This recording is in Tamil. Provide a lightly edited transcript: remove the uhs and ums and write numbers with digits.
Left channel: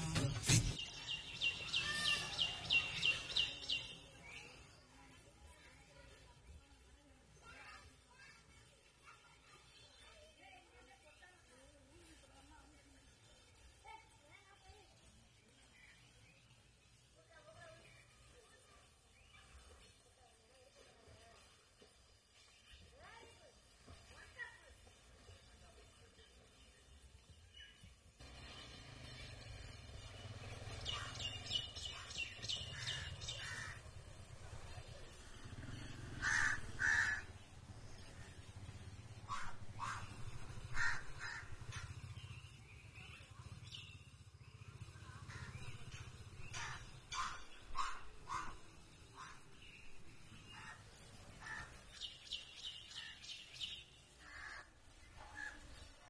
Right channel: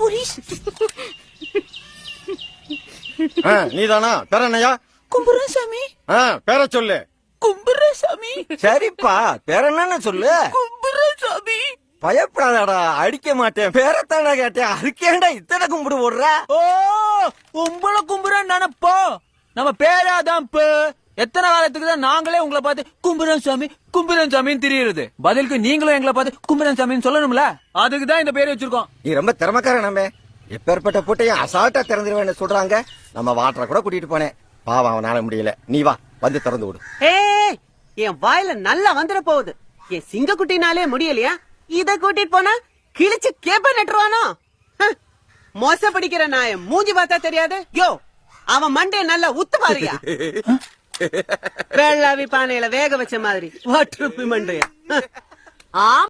போலீஸ். நீதானா? பேர என்னையா? கும்புரசாமி. பேர சொல்லு. கும்புரசாமி. சரிப்பா, பேர என்னன்னு சொல்லு. கும்புரசாமி. பயப்படாதடா, அடிக்க மாட்டேன். பேரத்தாடா கேட்டேன், அதுக்கேண்டா இத்தனை கும்பிடு போடுற? ஓ, உங்களை கும்புறேன்னு நினைப்போ. நம்ம பேராதான் எத்தனை காலத்துக்கு தான் நாங்களே உங்களை பார்த்து கும்புரன் சாமின்னு தெரியுது. பதிலுக்கு நீங்களும் எங்களை பார்த்து கும்புரன் சாமின்னு சொல்லணும்ல. அதுக்கு தான் இந்த பேரை வச்சிருக்கோம். நீ ரொம்ப திறமைக்கார. நம்ம எப்பேற்பட்ட பூட்டையும் அசால்ட்டா திறந்துருவேன்னு சொல்றாங்க. நம்ம வாட்டரை கூட கூட்டிட்டு போனேன். பாவம், அவனால முடியல. நீ வா, வந்து திறந்து விடு. ஏய், என் வாயில நல்லா வந்துட போகுது. என் சிங்கக்குட்டினாலே முடியலையா? இத கூட்டிட்டு போனா கிழிச்சு கேப்ப நட்டுருவானோ? மோச படிக்கிற நாய மூஞ்சி பார்த்தா தெரியாது. யோ, அவன் மண்டே நல்லா உத்து பாருயா. வெள்ளாவி பானையில வேக வச்ச மாதிரி வாட்டுருப்பி மண்டைய.